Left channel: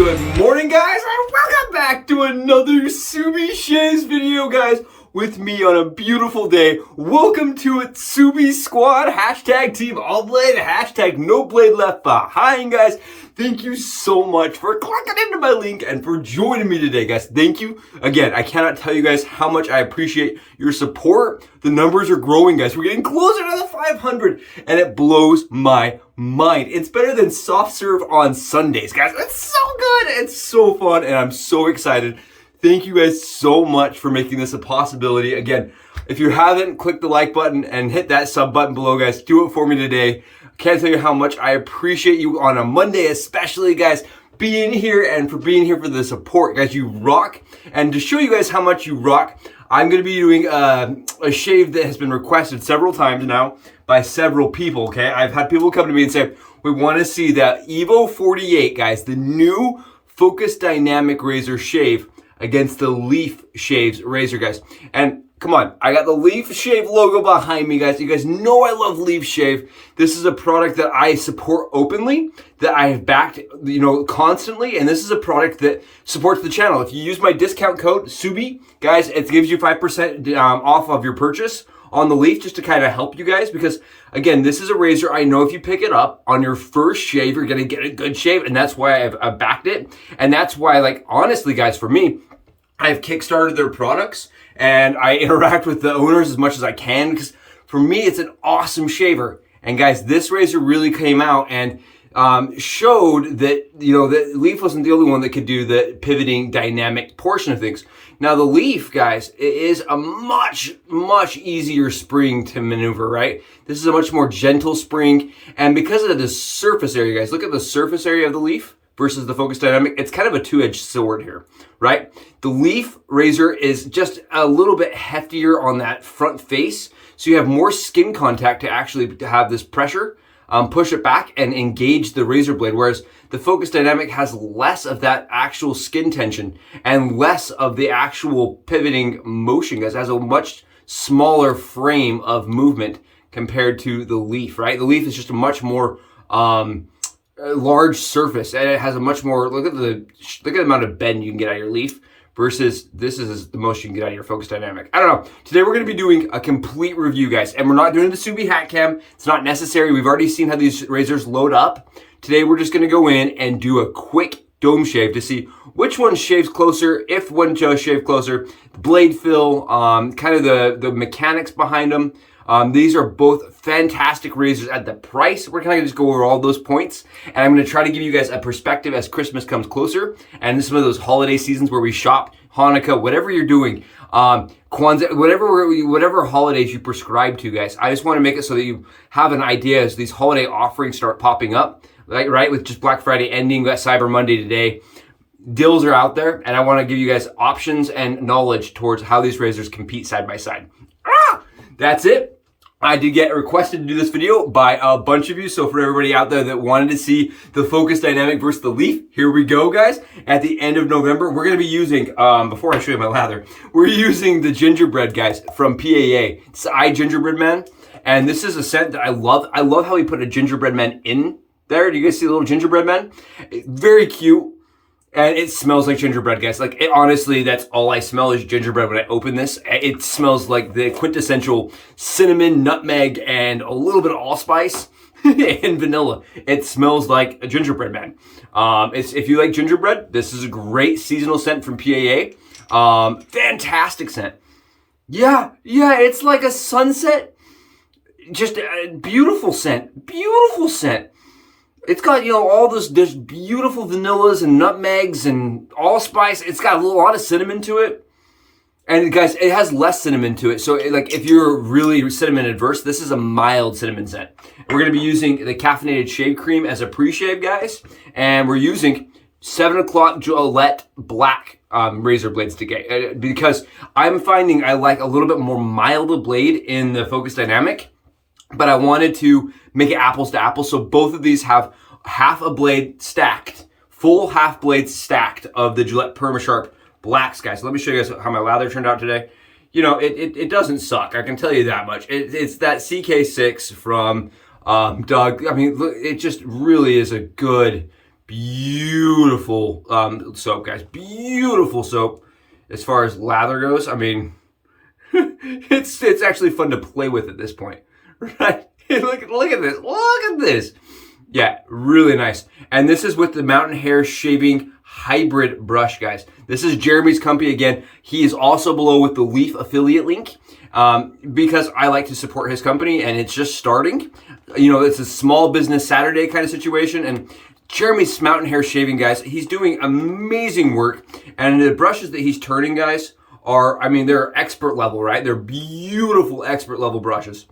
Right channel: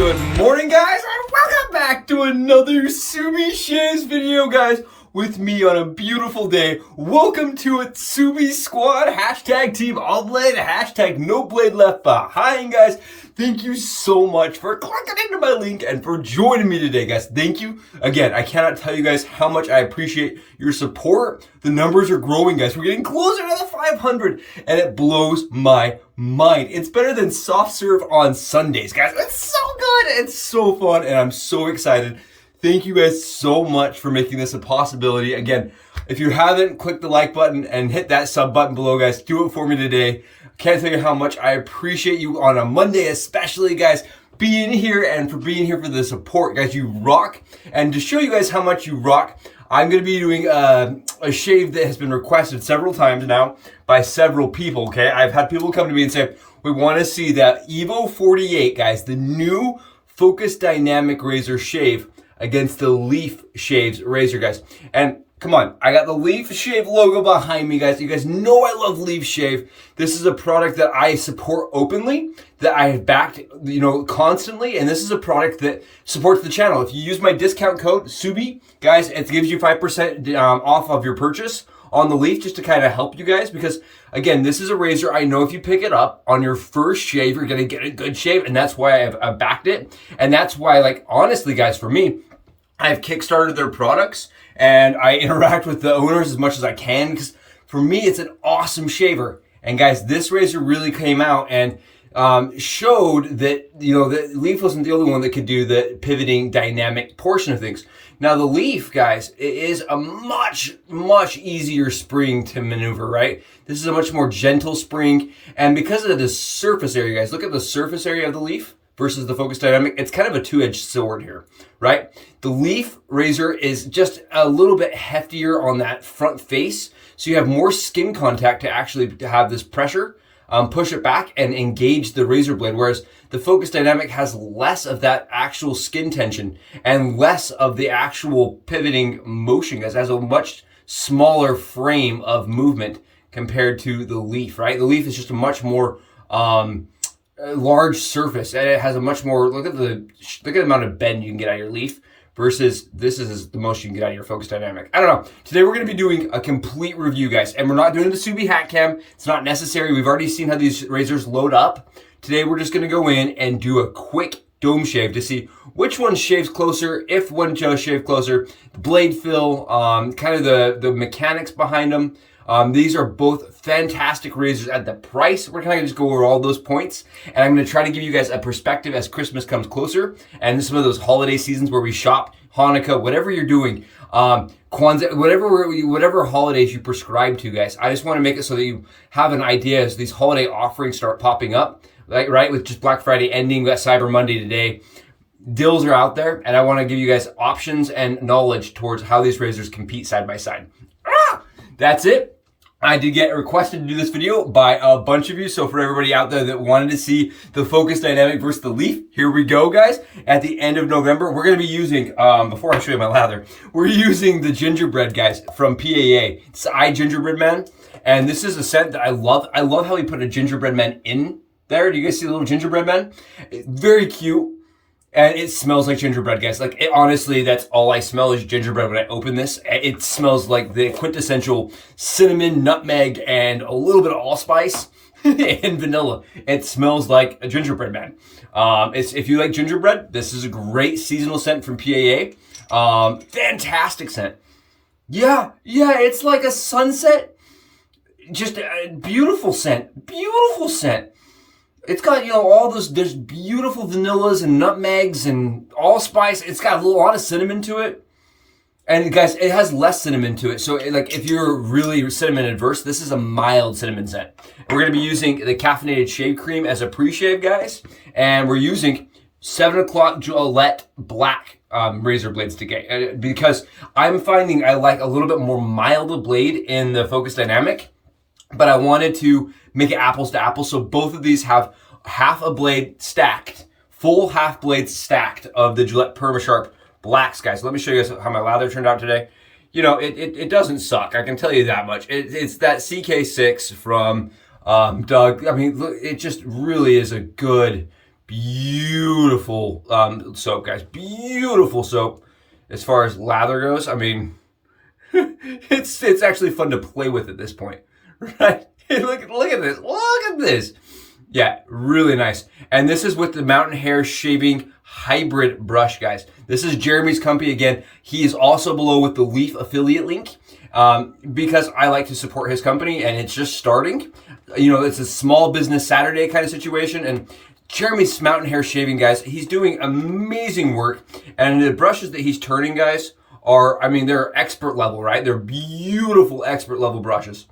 Good morning, guys, and welcome back to another Subi Shaves video, guys. With me on a beautiful day. Welcome to it, Subi Squad. Hashtag Team All Blade. Hashtag No Blade Left Behind, guys. Thank you so much for clicking into my link and for joining me today, guys. Thank you. Again, I cannot tell you guys how much I appreciate your support. The numbers are growing, guys. We're getting closer to the 500, and it blows my mind. It's better than soft serve on Sundays, guys. It's so good. It's so fun, and I'm so excited. Thank you guys so much for making this a possibility. Again, if you haven't, click the like button and hit that sub button below, guys. Do it for me today. I can't tell you how much I appreciate you on a Monday, especially, guys, being here and for being here for the support. Guys, you rock. And to show you guys how much you rock, I'm going to be doing a shave that has been requested several times now by several people, okay? I've had people come to me and say, we want to see the EVO 48, guys, the new Focus Dynamic Razor Shave against the LEAFSHAVE razor, guys. And come on, I got the LEAFSHAVE logo behind me, guys. You guys know I love LEAFSHAVE. This is a product that I support openly, that I have backed, constantly, and this is a product that supports the channel. If you use my discount code SUBI, guys, it gives you 5% off of your purchase on the Leaf, just to kind of help you guys, because again, this is a razor I know if you pick it up on your first shave, you're gonna get a good shave, and that's why I've backed it. And that's why, like, honestly, guys, for me, I've kickstarted their products and I interact with the owners as much as I can, because for me, it's an awesome shaver. And guys, this razor really came out and showed that, that Leaf wasn't the only one that could do the pivoting dynamic portion of things. Now the Leaf, guys, it is a much, much easier spring to maneuver, right? This is a much more gentle spring. And because of the surface area, guys, look at the surface area of the Leaf versus the Focus Dynamic. It's kind of a two-edged sword here, right? The Leaf razor is just a little bit heftier on that front face. So you have more skin contact to actually have this pressure, push it back and engage the razor blade. Whereas the Focus Dynamic has less of that actual skin tension and less of the actual pivoting motion, guys. It has a much smaller frame of movement compared to the Leaf, right? The Leaf is just a much more large surface, and it has a much more, look at the amount of bend you can get out of your Leaf versus this is the most you can get out of your Focus Dynamic. I don't know. Today we're going to be doing a complete review, guys, and we're not doing the Subi hat cam. It's not necessary. We've already seen how these razors load up. Today we're just going to go in and do a quick dome shave to see which one shaves closer, if one does shave closer, blade fill, kind of the mechanics behind them. These are both fantastic razors at the price. We're going to just go over all those points, and I'm going to try to give you guys a perspective as Christmas comes closer and some of those holiday seasons where we shop, Hanukkah, whatever you're doing, Kwanzaa, whatever holidays you prescribe to, guys. I just want to make it so that you have an idea as these holiday offerings start popping up, right? With just Black Friday ending, got Cyber Monday today. Deals are out there, and I want to give you guys options and knowledge towards how these razors compete side by side. That's it. I did get requested to do this video by a bunch of you. So for everybody out there that wanted to see the Focus Dynamic versus the Leaf, here we go, guys. At the end of November, we're going to be using, before I show you my lather, we're using the gingerbread, guys, from PAA. It's I Gingerbread Man. And this is a scent that I love. I love how he put a gingerbread man in there. Do you guys see the little gingerbread man? Very cute. And it smells like gingerbread, guys. Like, honestly, that's all I smell is gingerbread when I open this. It smells like the quintessential cinnamon, nutmeg, and a little bit of allspice and vanilla. It smells like a gingerbread man. If you like gingerbread, this is a great seasonal scent from PAA. Fantastic scent. Yeah, it's like a sunset. Just a beautiful scent. Beautiful scent. It's got, all those, there's beautiful vanillas and nutmegs and allspice. It's got a lot of cinnamon to it. And guys, it has less cinnamon to it. So like if you're really cinnamon adverse, this is a mild cinnamon scent. We're going to be using the caffeinated shave cream as a pre-shave, guys. And we're using 7 o'clock Gillette black razor blades to get, because I'm finding I like a little bit more mild blade in the Focus Dynamic. But I wanted to make it apples to apples. So both of these have half a blade stacked, full half blades stacked of the Gillette PermaSharp blacks, guys. Let me show you guys how my lather turned out today. It doesn't suck. I can tell you that much. It's that CK6 from Doug. I mean, look, it just really is a good, beautiful soap, guys. Beautiful soap. As far as lather goes, I mean, it's actually fun to play with at this point, right? look at this. Look at this. Yeah, really nice. And this is with the Mountain Hair Shaving Hybrid Brush, guys. This is Jeremy's company again. He is also below with the Leaf affiliate link because I like to support his company and it's just starting. You know, it's a small business Saturday kind of situation, and Jeremy's Mountain Hair Shaving, guys, he's doing amazing work. And the brushes that he's turning, guys, are, I mean, they're expert level, right? They're beautiful expert level brushes.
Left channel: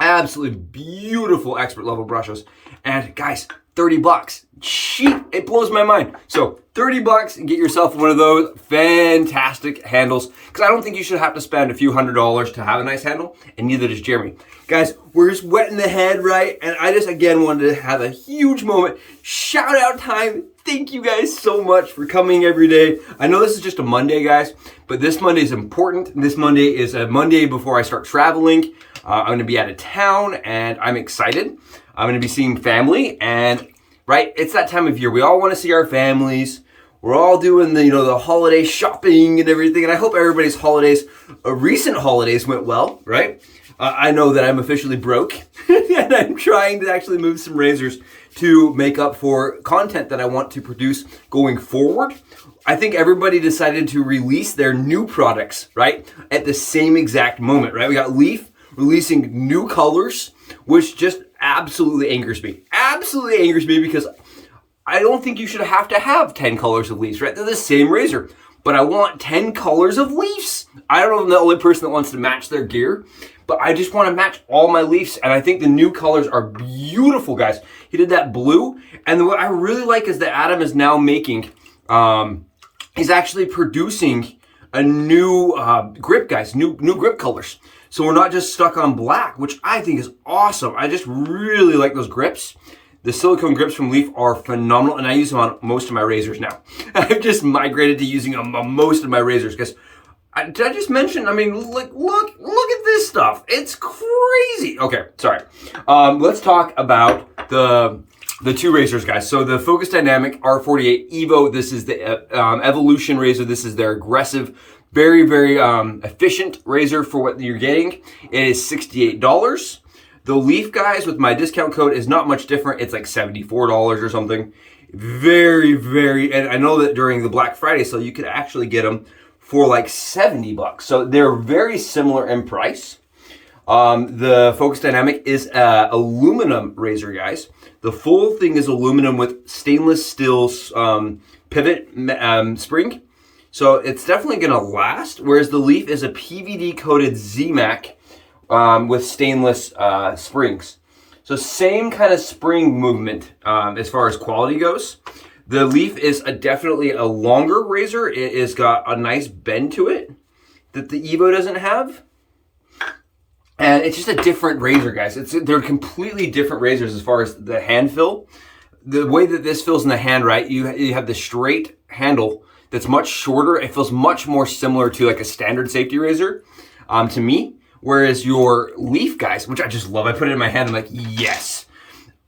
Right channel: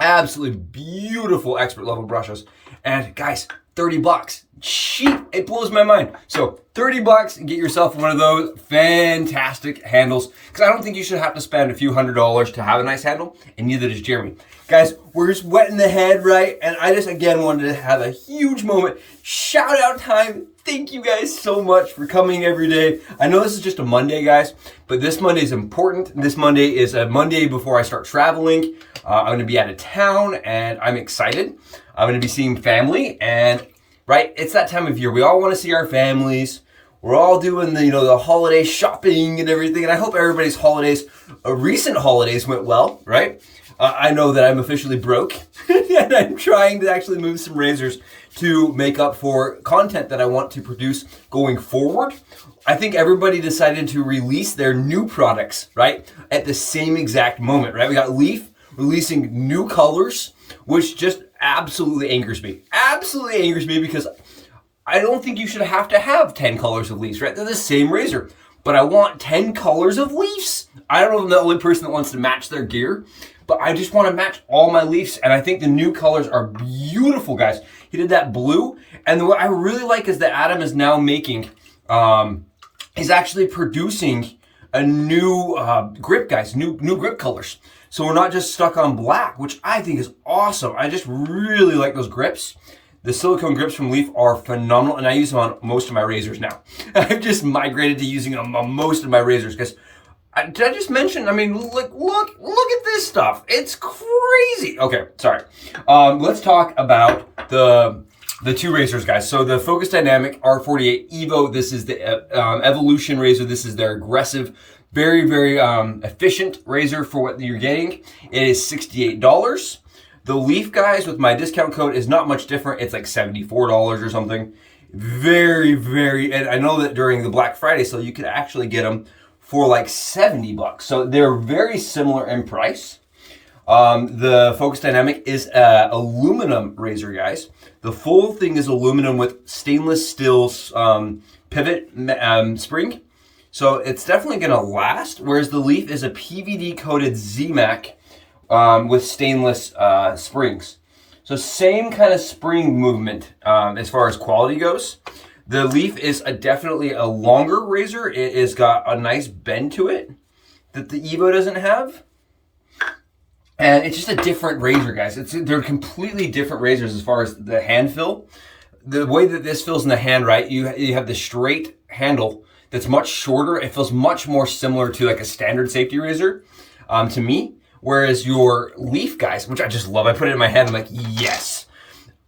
Absolutely beautiful expert level brushes. And guys, 30 bucks. Cheap. It blows my mind. So 30 bucks, get yourself one of those fantastic handles. Because I don't think you should have to spend a few $100s to have a nice handle. And neither does Jeremy. Guys, we're just wetting the head, right? And I just, again, wanted to have a huge moment. Shout out time. Thank you guys so much for coming every day. I know this is just a Monday, guys, but this Monday is important. This Monday is a Monday before I start traveling. I'm going to be out of town, and I'm excited. I'm going to be seeing family, and right, it's that time of year. We all want to see our families. We're all doing the, you know, the holiday shopping and everything, and I hope everybody's holidays, recent holidays went well, right? I know that I'm officially broke, and I'm trying to actually move some razors to make up for content that I want to produce going forward. I think everybody decided to release their new products, right, at the same exact moment, right? We got Leaf releasing new colors, which just absolutely angers me. Absolutely angers me because I don't think you should have to have 10 colors of Leafs, right? They're the same razor, but I want 10 colors of Leafs. I don't know if I'm the only person that wants to match their gear, but I just want to match all my Leafs, and I think the new colors are beautiful, guys. He did that blue, and what I really like is that Adam is now making, he's actually producing a new grip, guys, new grip colors. So we're not just stuck on black, which I think is awesome. I just really like those grips. The silicone grips from Leaf are phenomenal, and I use them on most of my razors now. I've just migrated to using them on most of my razors, because did I just mention, I mean, look at this stuff. It's crazy. Okay, sorry. Let's talk about the two razors, guys. So the Focus Dynamic R48 EVO, this is the Evolution razor. This is their aggressive, very, very efficient razor for what you're getting. It is $68. The Leaf, guys, with my discount code is not much different. It's like $74 or something. Very, very, and I know that during the Black Friday sale, you could actually get them for like 70 bucks. So they're very similar in price. The Focus Dynamic is an aluminum razor, guys. The full thing is aluminum with stainless steel pivot spring. So it's definitely gonna last, whereas the Leaf is a PVD coated ZMAC with stainless springs. So same kind of spring movement as far as quality goes. The Leaf is definitely a longer razor. It has got a nice bend to it that the EVO doesn't have. And it's just a different razor, guys. They're completely different razors as far as the hand fill. The way that this feels in the hand, right? You have the straight handle that's much shorter. It feels much more similar to like a standard safety razor to me. Whereas your Leaf, guys, which I just love. I put it in my hand. I'm like, yes.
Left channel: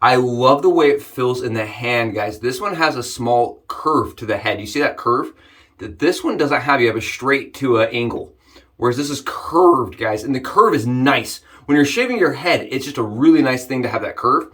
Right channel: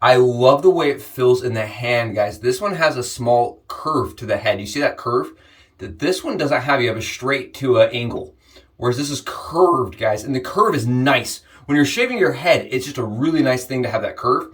I love the way it feels in the hand, guys. This one has a small curve to the head. You see that curve? That this one doesn't have. You have a straight to an angle. Whereas this is curved, guys. And the curve is nice. When you're shaving your head, it's just a really nice thing to have that curve.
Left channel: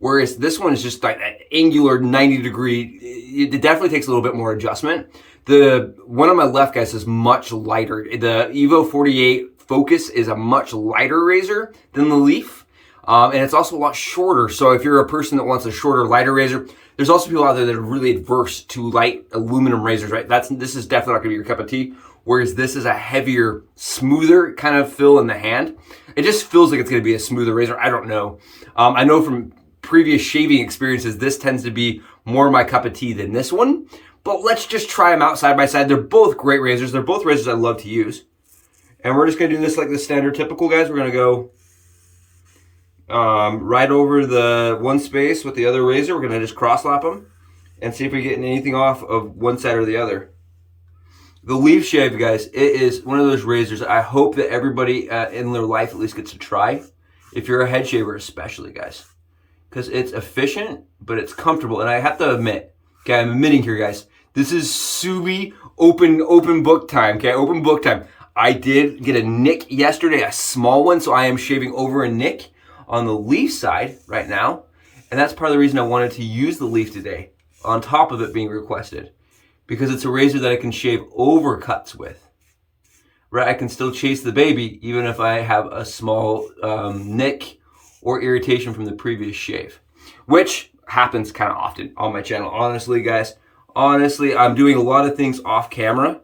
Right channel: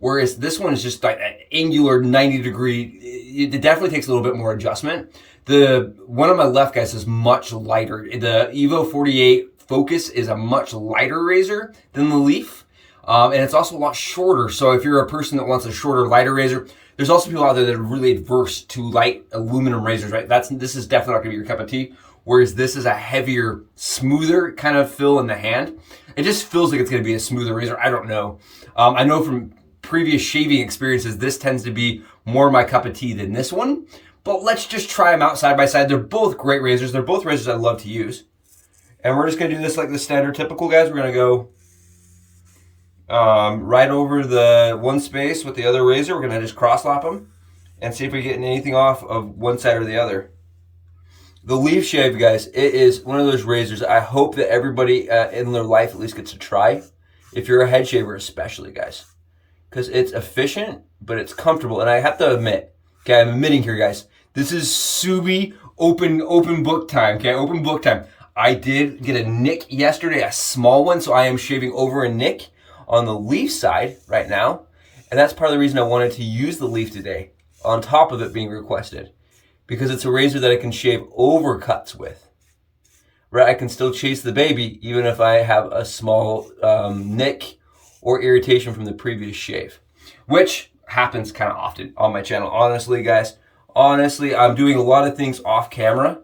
Whereas this one is just like an angular 90 degree. It definitely takes a little bit more adjustment. The one on my left, guys, is much lighter. The EVO 48 Focus is a much lighter razor than the Leaf. And it's also a lot shorter. So if you're a person that wants a shorter, lighter razor, there's also people out there that are really adverse to light aluminum razors, right? This is definitely not gonna be your cup of tea. Whereas this is a heavier, smoother kind of feel in the hand. It just feels like it's gonna be a smoother razor. I don't know. I know from previous shaving experiences, this tends to be more my cup of tea than this one. But let's just try them out side by side. They're both great razors. They're both razors I love to use. And we're just gonna do this like the standard typical, guys. We're gonna go right over the one space with the other razor. We're gonna just cross lap them and see if we get anything off of one side or the other. The LEAFSHAVE, guys, it is one of those razors I hope that everybody in their life at least gets to try. If you're a head shaver especially, guys. because it's efficient, but it's comfortable. And I have to admit, okay, I'm admitting here, guys, this is Subi open book time, okay, open book time. I did get a nick yesterday, a small one, so I am shaving over a nick on the Leaf side right now. And that's part of the reason I wanted to use the Leaf today, on top of it being requested, because it's a razor that I can shave over cuts with. Right, I can still chase the baby even if I have a small nick or irritation from the previous shave, which happens kind of often on my channel. Honestly, guys, I'm doing a lot of things off camera,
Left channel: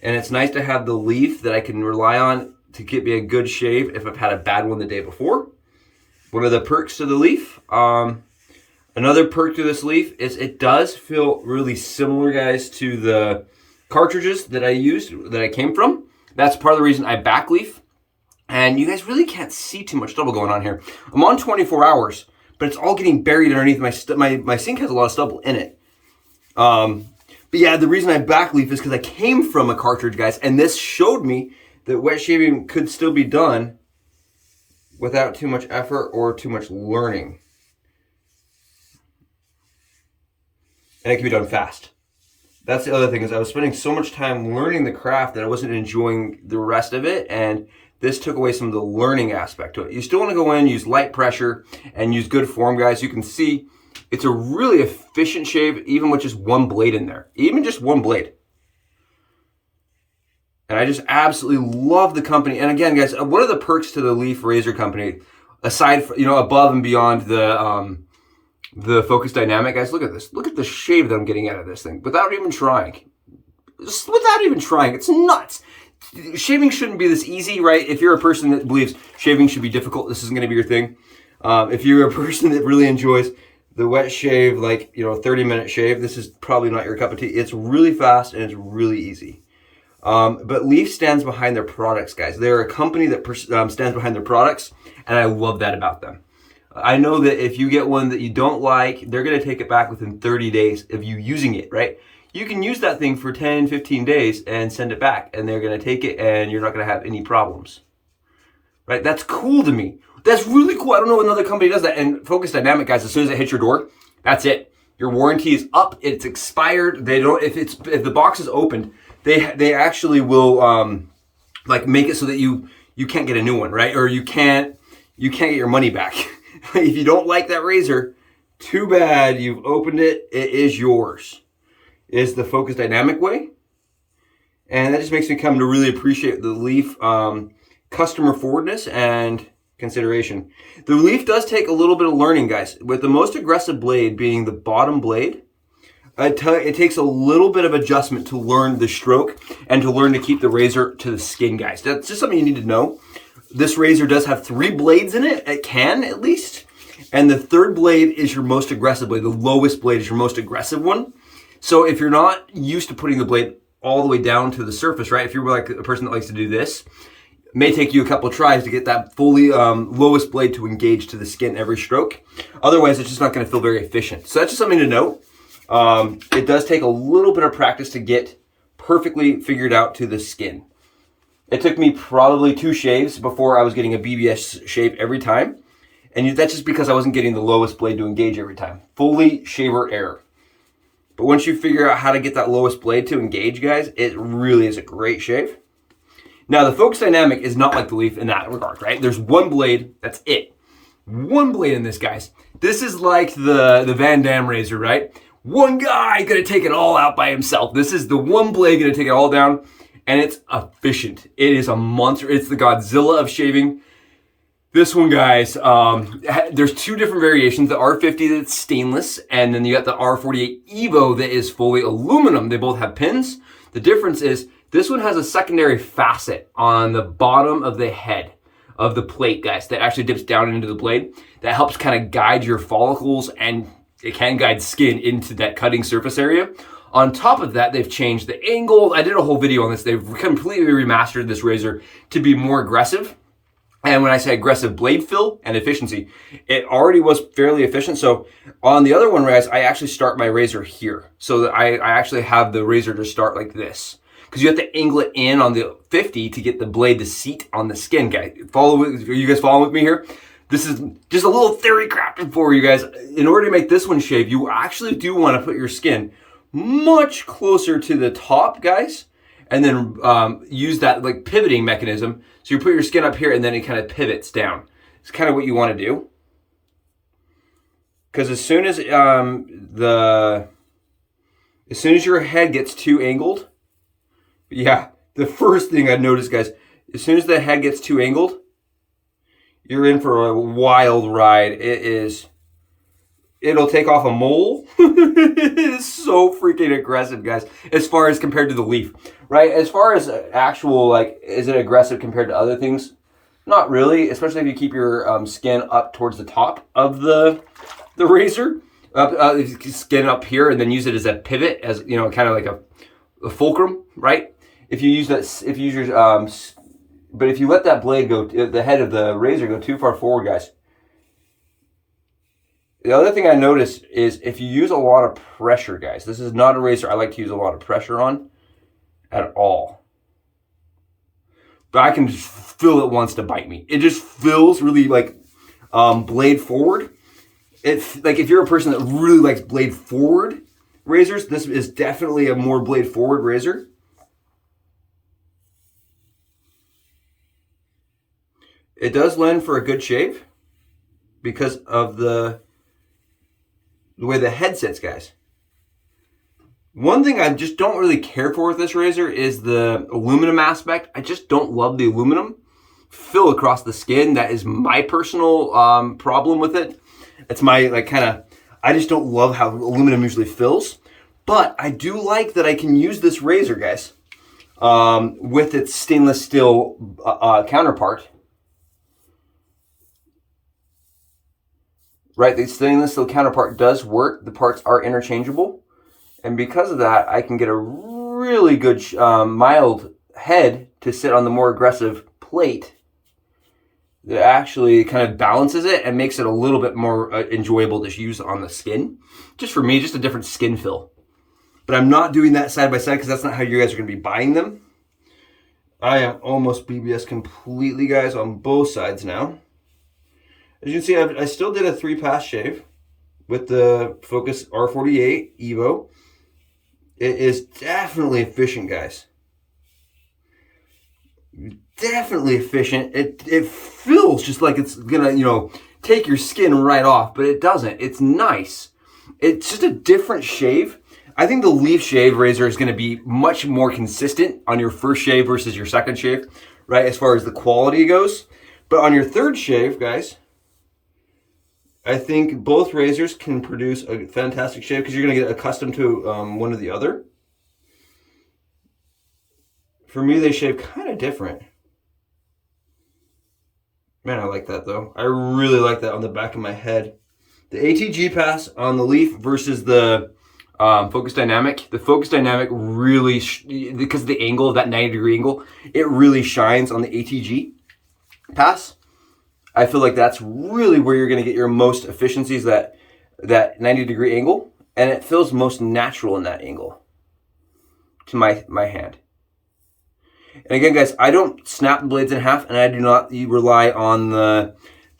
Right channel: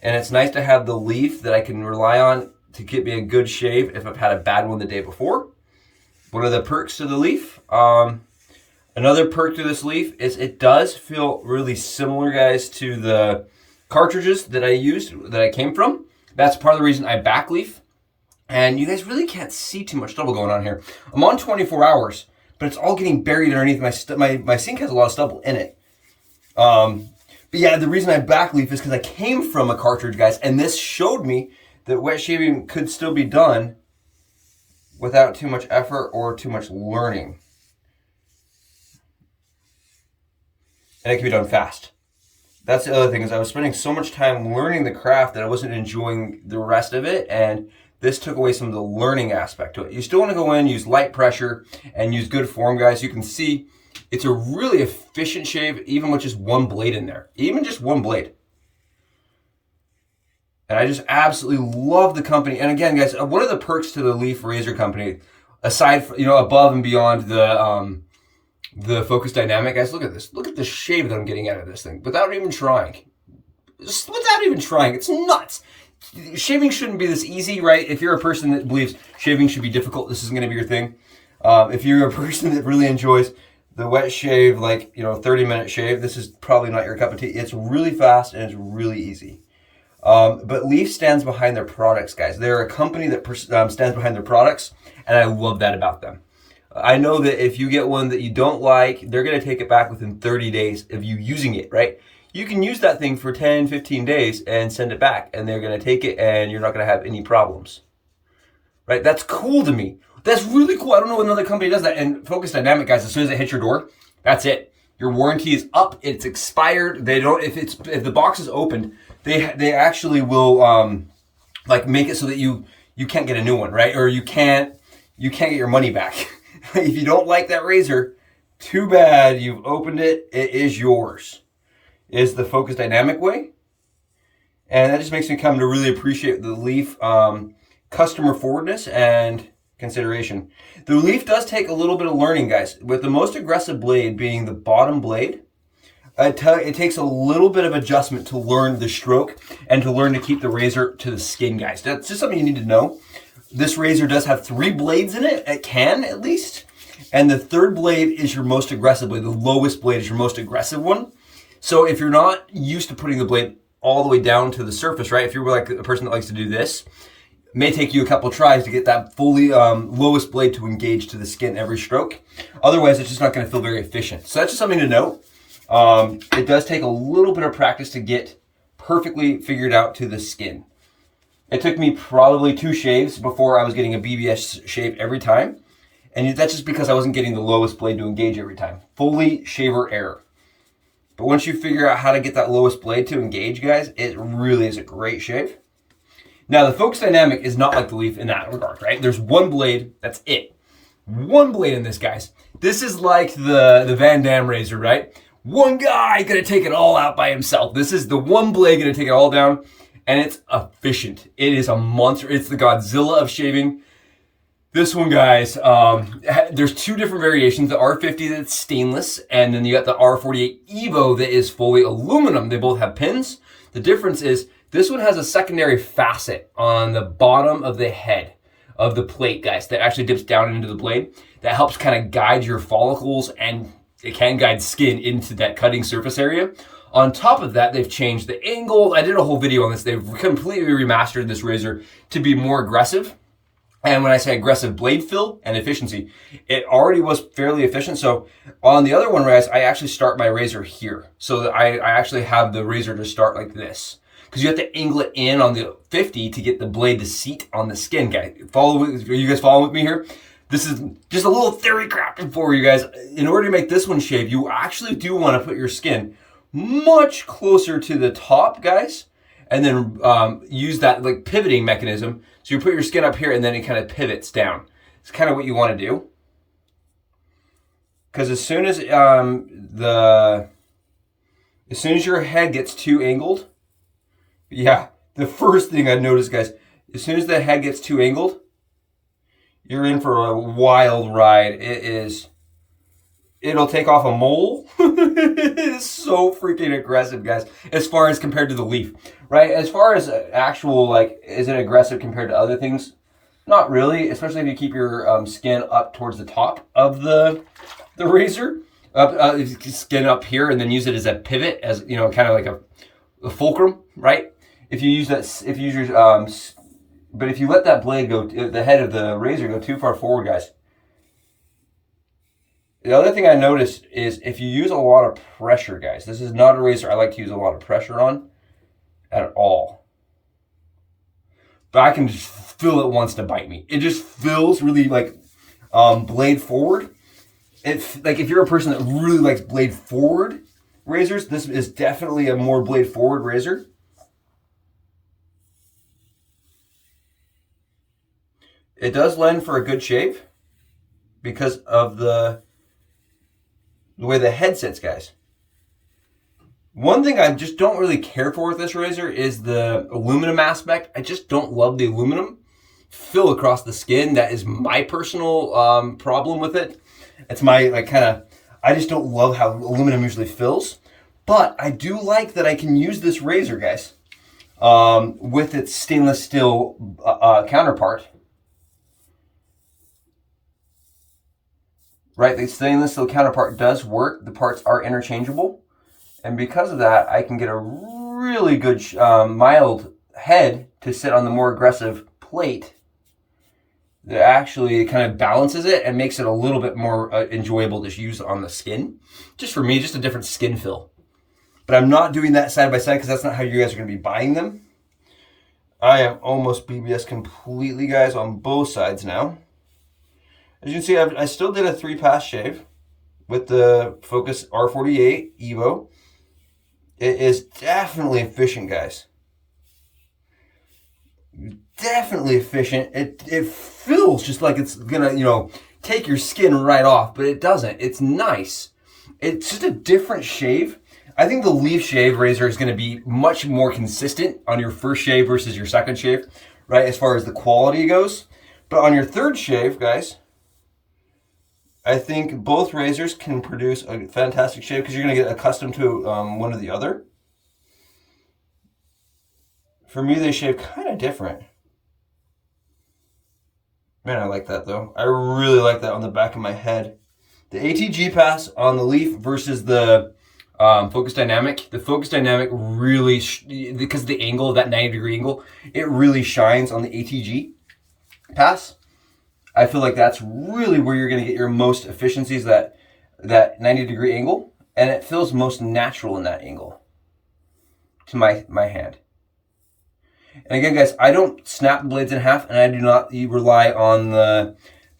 and it's nice to have the Leaf that I can rely on to get me a good shave if I've had a bad one the day before. One of the perks to the Leaf, another perk to this Leaf is it does feel really similar, guys, to the cartridges that I used, that I came from. That's part of the reason I back leaf. And you guys really can't see too much stubble going on here. I'm on 24 hours, but it's all getting buried underneath my sink has a lot of stubble in it. But yeah, the reason I back leaf is because I came from a cartridge, guys, and this showed me that wet shaving could still be done without too much effort or too much learning. And it can be done fast. That's the other thing, is I was spending so much time learning the craft that I wasn't enjoying the rest of it, and this took away some of the learning aspect to it. You still want to go in, use light pressure, and use good form, guys. You can see it's a really efficient shave, even with just one blade in there. Even just one blade. And I just absolutely love the company. And again, guys, one of the perks to the Leaf Razor Company, aside from, above and beyond the focus dynamic, guys, look at this. Look at the shave that I'm getting out of this thing without even trying. Just without even trying. It's nuts. Shaving shouldn't be this easy, right? If you're a person that believes shaving should be difficult, this isn't going to be your thing. If you're a person that really enjoys the wet shave, like, 30-minute shave, this is probably not your cup of tea. It's really fast and it's really easy. But Leaf stands behind their products, guys. They're a company that stands behind their products, and I love that about them. I know that if you get one that you don't like, they're going to take it back within 30 days of you using it, right? You can use that thing for 10, 15 days and send it back, and they're going to take it, and you're not going to have any problems, right? That's cool to me. That's really cool. I don't know if another company does that. And Focus Dynamic, guys, as soon as it hits your door, that's it. Your warranty is up. It's expired. They don't, if the box is opened, they actually will make it so that you can't get a new one, right? Or you can't get your money back. If you don't like that razor, too bad. You've opened it. It is yours. Is the Focus Dynamic way. And that just makes me come to really appreciate the Leaf customer forwardness and consideration. The Leaf does take a little bit of learning, guys. With the most aggressive blade being the bottom blade, it takes a little bit of adjustment to learn the stroke and to learn to keep the razor to the skin, guys. That's just something you need to know. This razor does have 3 blades in it. It can, at least. And the third blade is your most aggressive blade. The lowest blade is your most aggressive one. So if you're not used to putting the blade all the way down to the surface, right? If you're like a person that likes to do this, it may take you a couple of tries to get that fully lowest blade to engage to the skin every stroke. Otherwise, it's just not going to feel very efficient. So that's just something to note. It does take a little bit of practice to get perfectly figured out to the skin. It took me probably 2 shaves before I was getting a BBS shave every time. And that's just because I wasn't getting the lowest blade to engage every time. Fully shaver error. But once you figure out how to get that lowest blade to engage, guys, it really is a great shave. Now, the Focus Dynamic is not like the Leaf in that regard, right? There's one blade, that's it. One blade in this, guys. This is like the Van Damme razor, right? One guy gonna take it all out by himself. This is the one blade gonna take it all down. And it's efficient. It is a monster. It's the Godzilla of shaving. This one, guys, there's 2 different variations. The R50 that's stainless, and then you got the R48 EVO that is fully aluminum. They both have pins. The difference is this one has a secondary facet on the bottom of the head of the plate, guys, that actually dips down into the blade. That helps kind of guide your follicles, and it can guide skin into that cutting surface area. On top of that, they've changed the angle. I did a whole video on this. They've completely remastered this razor to be more aggressive. And when I say aggressive blade fill and efficiency, it already was fairly efficient. So on the other one, guys, I actually start my razor here. So that I actually have the razor to start like this. Because you have to angle it in on the 50 to get the blade to seat on the skin, guys. Are you guys following with me here? this is just a little theory crafted for you guys. In order to make this one shave, you actually do want to put your skin much closer to the top, guys, and then use that like pivoting mechanism. So you put your skin up here and then it kind of pivots down. It's kind of what you want to do. Because as soon as your head gets too angled, yeah, the first thing I noticed, guys, as soon as the head gets too angled, you're in for a wild ride. It'll take off a mole. It is so freaking aggressive, guys, as far as compared to the leaf, right? As far as actual, like, is it aggressive compared to other things? Not really, especially if you keep your skin up towards the top of the razor, skin up here, and then use it as a pivot, as, you know, kind of like a fulcrum, right? If you use that, if you use your, but if you let that blade go, the head of the razor go too far forward, guys. The other thing I noticed is if you use a lot of pressure, guys, this is not a razor I like to use a lot of pressure on at all. But I can just feel it wants to bite me. It just feels really like blade forward. It's like if you're a person that really likes blade forward razors, this is definitely a more blade forward razor. It does lend for a good shave because of the way the head sits, guys. One thing I just don't really care for with this razor is the aluminum aspect. I just don't love the aluminum fill across the skin. That is my personal problem with it. It's my, like, kind of, I just don't love how aluminum usually fills. But I do like that I can use this razor, guys, with its stainless steel counterpart. Right, the stainless steel counterpart does work. The parts are interchangeable. And because of that, I can get a really good mild head to sit on the more aggressive plate that actually kind of balances it and makes it a little bit more enjoyable to use on the skin. Just for me, just a different skin fill. But I'm not doing that side by side because that's not how you guys are going to be buying them. I am almost BBS completely, guys, on both sides now. As you can see, I still did a 3-pass shave with the Focus R48 EVO. It is definitely efficient, guys. Definitely efficient. It feels just like it's gonna, you know, take your skin right off, but it doesn't. It's nice. It's just a different shave. I think the LEAFSHAVE razor is gonna be much more consistent on your first shave versus your second shave, right, as far as the quality goes. But on your third shave, guys, I think both razors can produce a fantastic shave because you're going to get accustomed to one or the other. For me, they shave kind of different. Man, I like that, though. I really like that on the back of my head. The ATG pass on the Leaf versus the Focus Dynamic. The Focus Dynamic really, because of the angle, of that 90-degree angle, it really shines on the ATG pass. I feel like that's really where you're going to get your most efficiencies, that 90-degree angle, and it feels most natural in that angle to my hand. And again, guys, I don't snap the blades in half, and I do not rely on the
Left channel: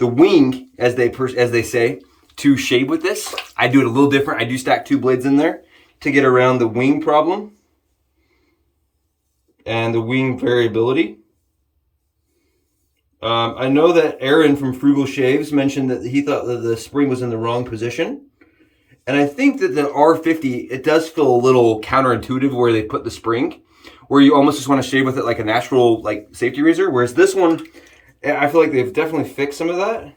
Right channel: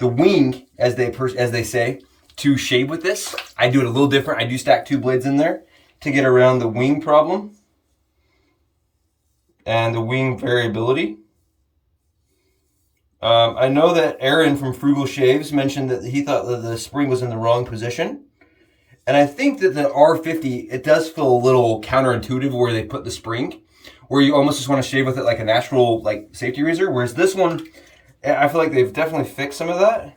wing, as they say, to shave with this. I do it a little different. I do stack 2 blades in there to get around the wing problem and the wing variability. I know that Aaron from Frugal Shaves mentioned that he thought that the spring was in the wrong position. And I think that the R50, it does feel a little counterintuitive where they put the spring, where you almost just want to shave with it like a natural, like, safety razor. Whereas this one, I feel like they've definitely fixed some of that.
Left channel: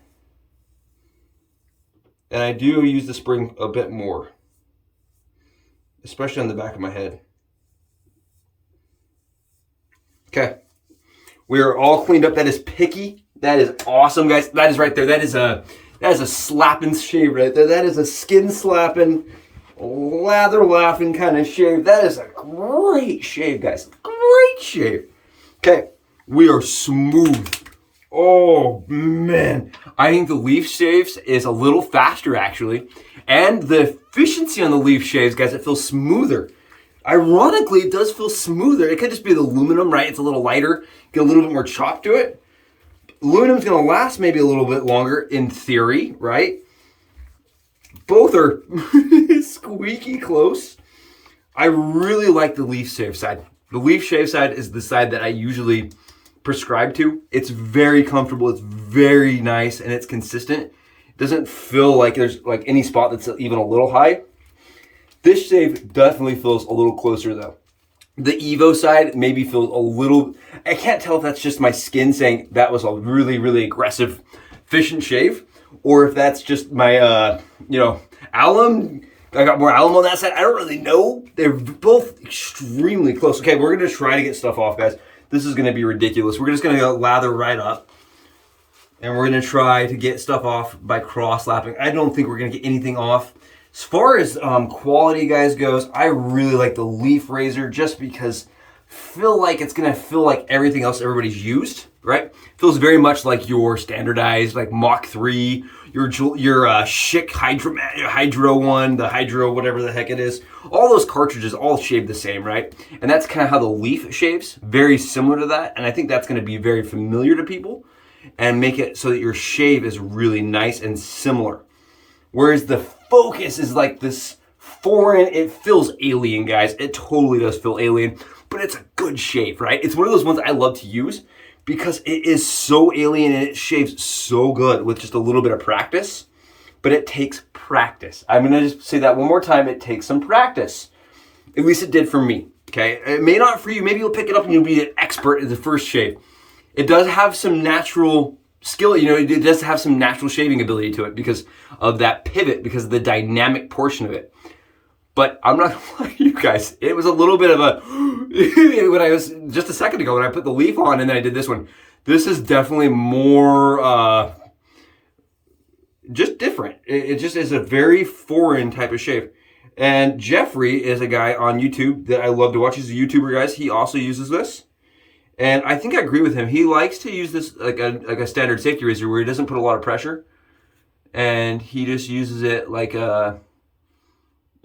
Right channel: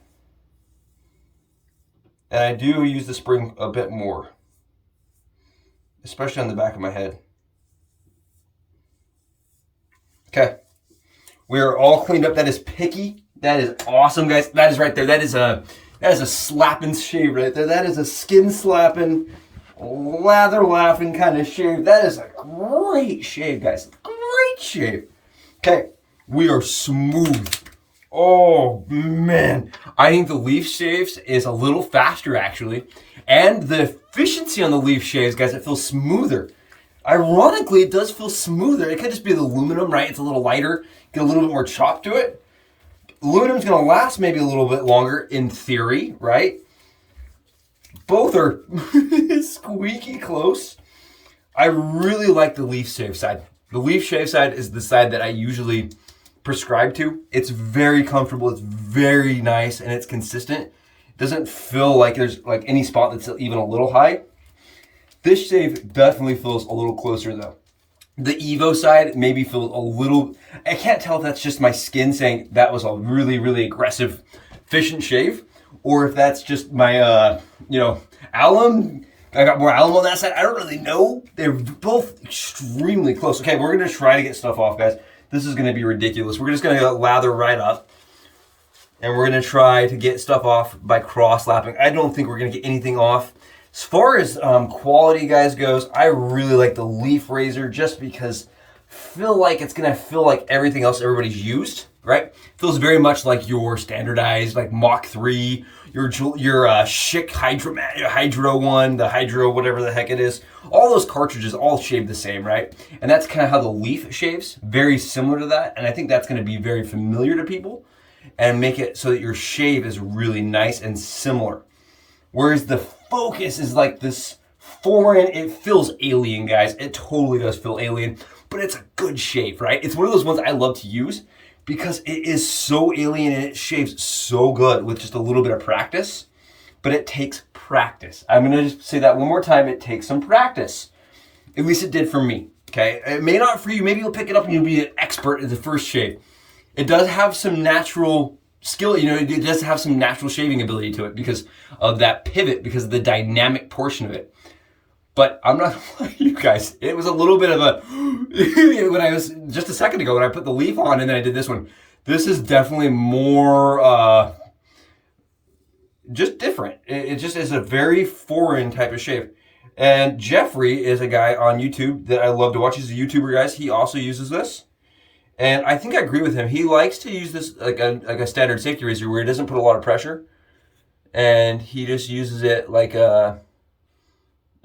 And I do use the spring a bit more, especially on the back of my head. Okay. We are all cleaned up. That is picky. That is awesome, guys. That is right there. That is a slapping shave right there. That is a skin slapping, lather laughing kind of shave. That is a great shave, guys. Great shave. Okay, we are smooth. Oh man, I think the Leaf Shaves is a little faster actually, and the efficiency on the Leaf Shaves, guys, it feels smoother. Ironically, it does feel smoother. It could just be the aluminum, right? It's a little lighter, get a little bit more chop to it. aluminum's gonna last maybe a little bit longer in theory, right? Both are squeaky close. I really like the LEAFSHAVE side. The LEAFSHAVE side is the side that I usually prescribe to. It's very comfortable, it's very nice, and it's consistent. It doesn't feel like there's like any spot that's even a little high. This shave definitely feels a little closer though. The EVO side maybe feels a little, I can't tell if that's just my skin saying that was a really, really aggressive, efficient shave, or if that's just my, you know, alum. I got more alum on that side. I don't really know. They're both extremely close. Okay, we're gonna try to get stuff off, guys. This is gonna be ridiculous. We're just gonna lather right up, and we're gonna try to get stuff off by cross-lapping. I don't think we're gonna get anything off. As far as quality, guys, goes, I really like the Leaf razor just because I feel like it's gonna feel like everything else everybody's used, right? Feels very much like your standardized, like Mach 3, your Schick Hydro one, the Hydro, whatever the heck it is. All those cartridges all shave the same, right? And that's kind of how the Leaf shaves, very similar to that. And I think that's gonna be very familiar to people and make it so that your shave is really nice and similar. Whereas the Focus is like this foreign, it feels alien, guys. It totally does feel alien, but it's a good shave, right? It's one of those ones I love to use because it is so alien and it shaves so good with just a little bit of practice, but it takes practice. I'm gonna just say that one more time, it takes some practice. At least it did for me, okay? It may not for you, maybe you'll pick it up and you'll be an expert at the first shave. It does have some natural skill, you know, it does have some natural shaving ability to it because of that pivot, because of the dynamic portion of it. But I'm not gonna lie to you guys, it was a little bit of a, when I was, just a second ago when I put the Leaf on and then I did this one, this is definitely more, just different. It just is a very foreign type of shave. And Jeffrey is a guy on YouTube that I love to watch. He's a YouTuber, guys. He also uses this. And I think I agree with him. He likes to use this like a standard safety razor where he doesn't put a lot of pressure. And he just uses it like a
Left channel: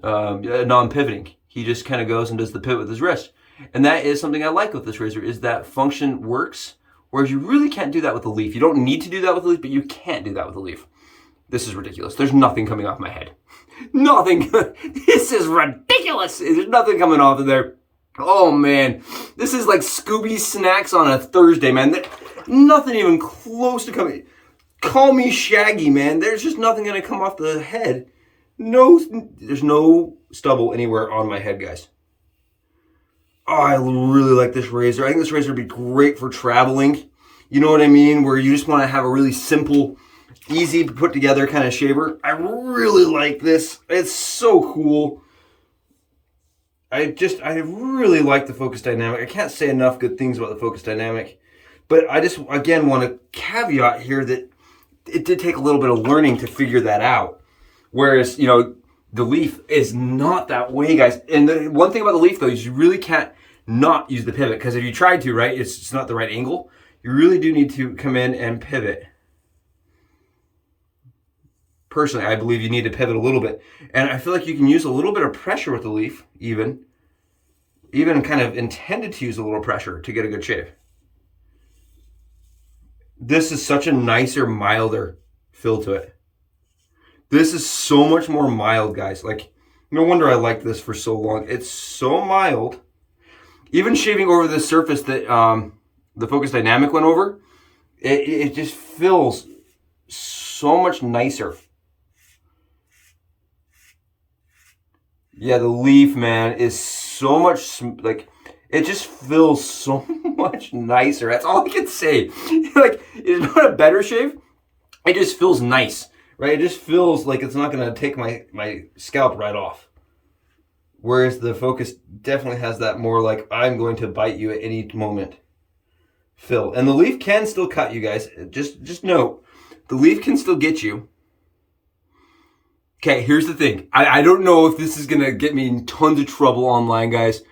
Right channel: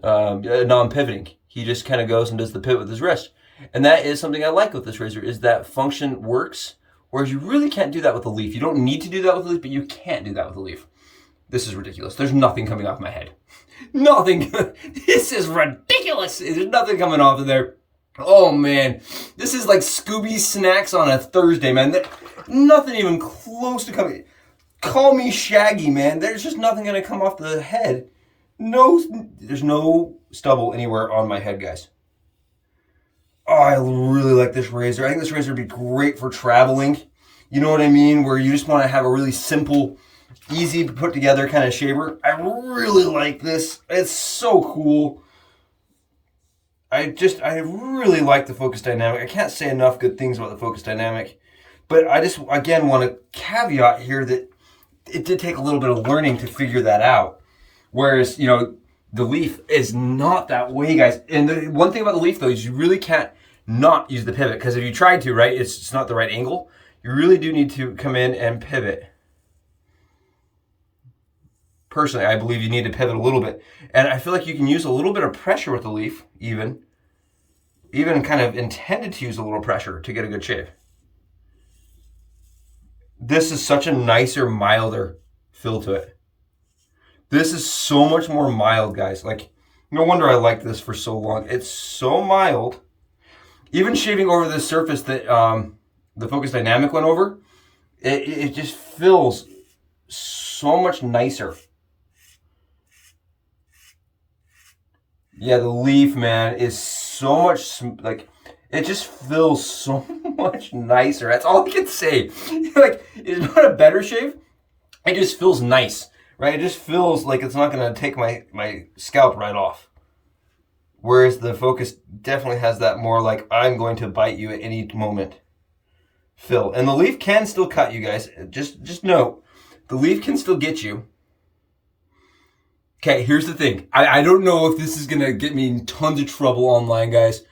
non-pivoting. He just kind of goes and does the pivot with his wrist. And that is something I like with this razor, is that function works, whereas you really can't do that with the Leaf. You don't need to do that with the Leaf, but you can't do that with the Leaf. This is ridiculous. There's nothing coming off my head. Nothing. This is ridiculous. There's nothing coming off of there. Oh man, this is like Scooby snacks on a Thursday, man. Nothing even close to coming. Call me Shaggy, man. There's just nothing gonna come off the head. No, there's no stubble anywhere on my head, guys. Oh, I really like this razor. I think this razor would be great for traveling. You know what I mean? Where you just want to have a really simple, easy to put together kind of shaver. I really like this. It's so cool. I really like the Focus Dynamic. I can't say enough good things about the Focus Dynamic, but I just, again, want to caveat here that it did take a little bit of learning to figure that out. Whereas, you know, the Leaf is not that way, guys. And the one thing about the Leaf, though, is you really can't not use the pivot, because if you try to, right, it's not the right angle. You really do need to come in and pivot. Personally, I believe you need to pivot a little bit. And I feel like you can use a little bit of pressure with the Leaf, even kind of intended to use a little pressure to get a good shave. This is such a nicer, milder feel to it. This is so much more mild, guys. Like, no wonder I liked this for so long. It's so mild. Even shaving over the surface that the Focus Dynamic went over, it just feels so much nicer. Yeah, the Leaf, man, is so much, like, it just feels so much nicer. That's all I can say. Like, it's not a better shave. It just feels nice, right? It just feels like it's not going to take my scalp right off. Whereas the Focus definitely has that more like, I'm going to bite you at any moment feel. And the Leaf can still cut you, guys. Just note, the Leaf can still get you. Okay, here's the thing. I don't know if this is going to get me in tons of trouble online, guys.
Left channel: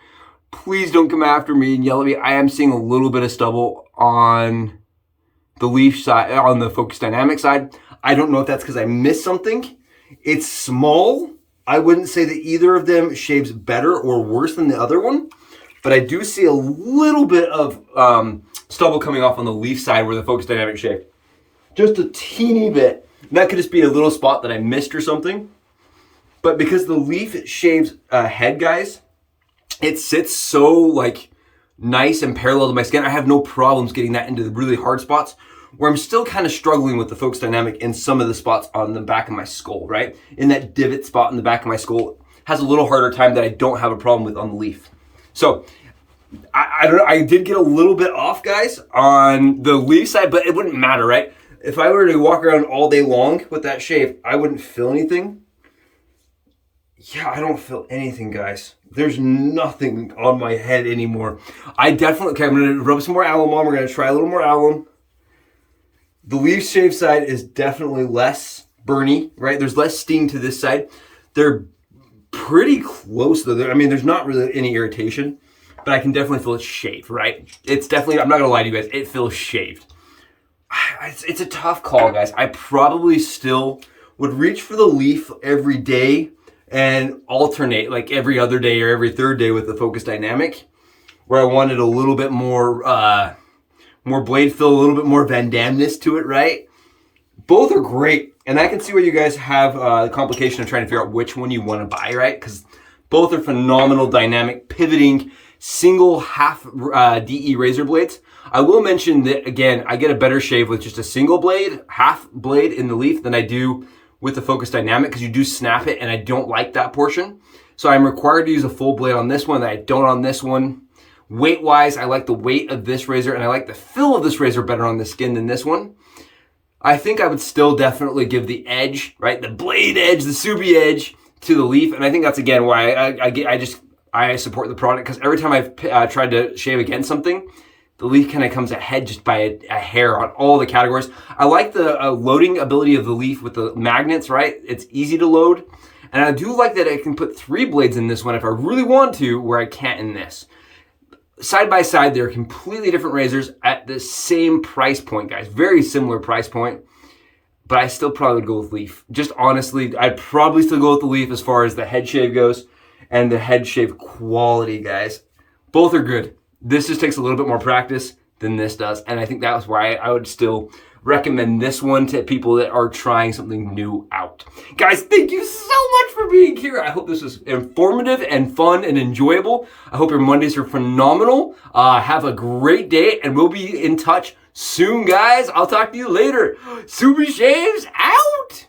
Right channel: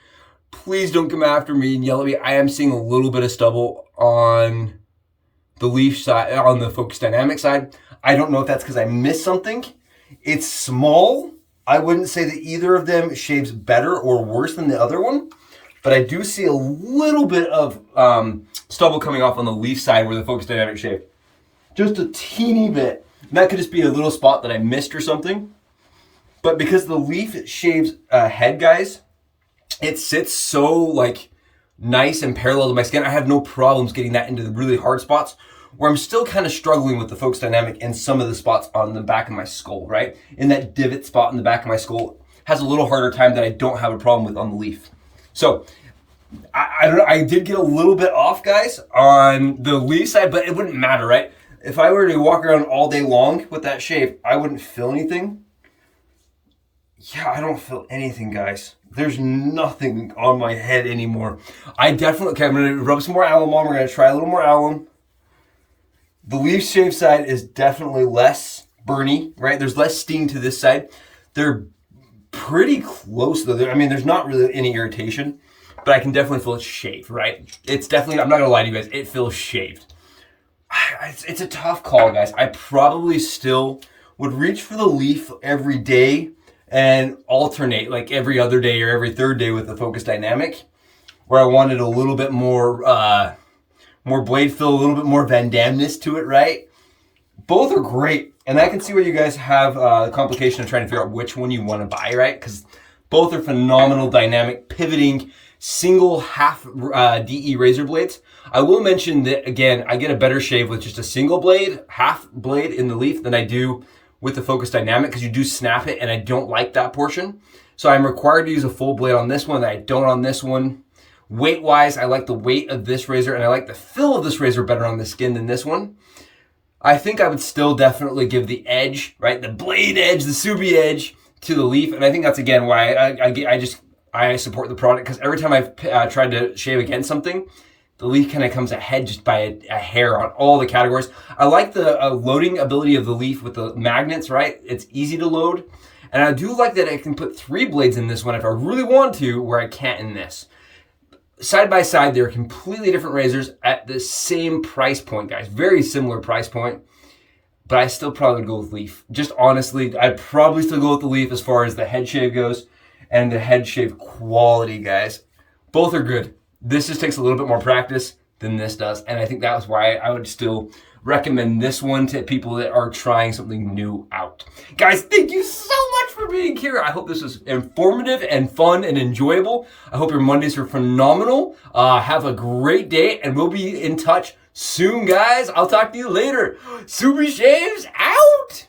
Please don't come after me and yell at me. I am seeing a little bit of stubble on the Leaf side, on the Focus Dynamic side. I don't know if that's because I missed something. It's small. I wouldn't say that either of them shaves better or worse than the other one. but I do see a little bit of stubble coming off on the leaf side where the Focus Dynamic shave. Just a teeny bit. And that could just be a little spot that I missed or something. But because the leaf shaves head, guys, it sits so like nice and parallel to my skin. I have no problems getting that into the really hard spots where I'm still kind of struggling with the Focus Dynamic in some of the spots on the back of my skull, right? In that divot spot in the back of my skull has a little harder time that I don't have a problem with on the leaf. So I did get a little bit off, guys, on the leaf side, but it wouldn't matter, right? If I were to walk around all day long with that shave, I wouldn't feel anything. Yeah, I don't feel anything, guys. There's nothing on my head anymore. I'm gonna rub some more alum on. We're gonna try a little more alum. The leaf shave side is definitely less burny, right? There's less sting to this side. They're pretty close though. I mean, there's not really any irritation, but I can definitely feel it shaved, right? It's definitely, I'm not gonna lie to you guys, it feels shaved. It's a tough call, guys. I probably still would reach for the leaf every day and alternate like every other day or every third day with the Focus Dynamic, where I wanted a little bit more more blade fill, a little bit more Van Damme-ness to it, right? Both are great. And I can see where you guys have the complication of trying to figure out which one you want to buy, right? Because both are phenomenal dynamic pivoting single half DE razor blades. I will mention that, again, I get a better shave with just a single blade, half blade in the leaf than I do with the Focus Dynamic, because you do snap it and I don't like that portion. So I'm required to use a full blade on this one that I don't on this one. Weight wise, I like the weight of this razor and I like the feel of this razor better on the skin than this one. I think I would still definitely give the edge, right? The blade edge, the Subi edge to the leaf. And I think that's, again, why I support the product, because every time I've tried to shave against something, the leaf kind of comes ahead just by a hair on all the categories. I like the loading ability of the leaf with the magnets, right? It's easy to load. And I do like that I can put 3 blades in this one if I really want to, where I can't in this. Side by side, they're completely different razors at the same price point, guys. Very similar price point. But I still probably would go with leaf. Just honestly, I'd probably still go with the leaf as far as the head shave goes and the head shave quality, guys. Both are good. This just takes a little bit more practice than this does. And I think that was why I would still recommend this one to people that are trying something new out. Guys, thank you so much for being here. I hope this was informative and fun and enjoyable. I hope your Mondays are phenomenal. Have a great day, and we'll be in touch soon, guys. I'll talk to you later. Subi Shaves out!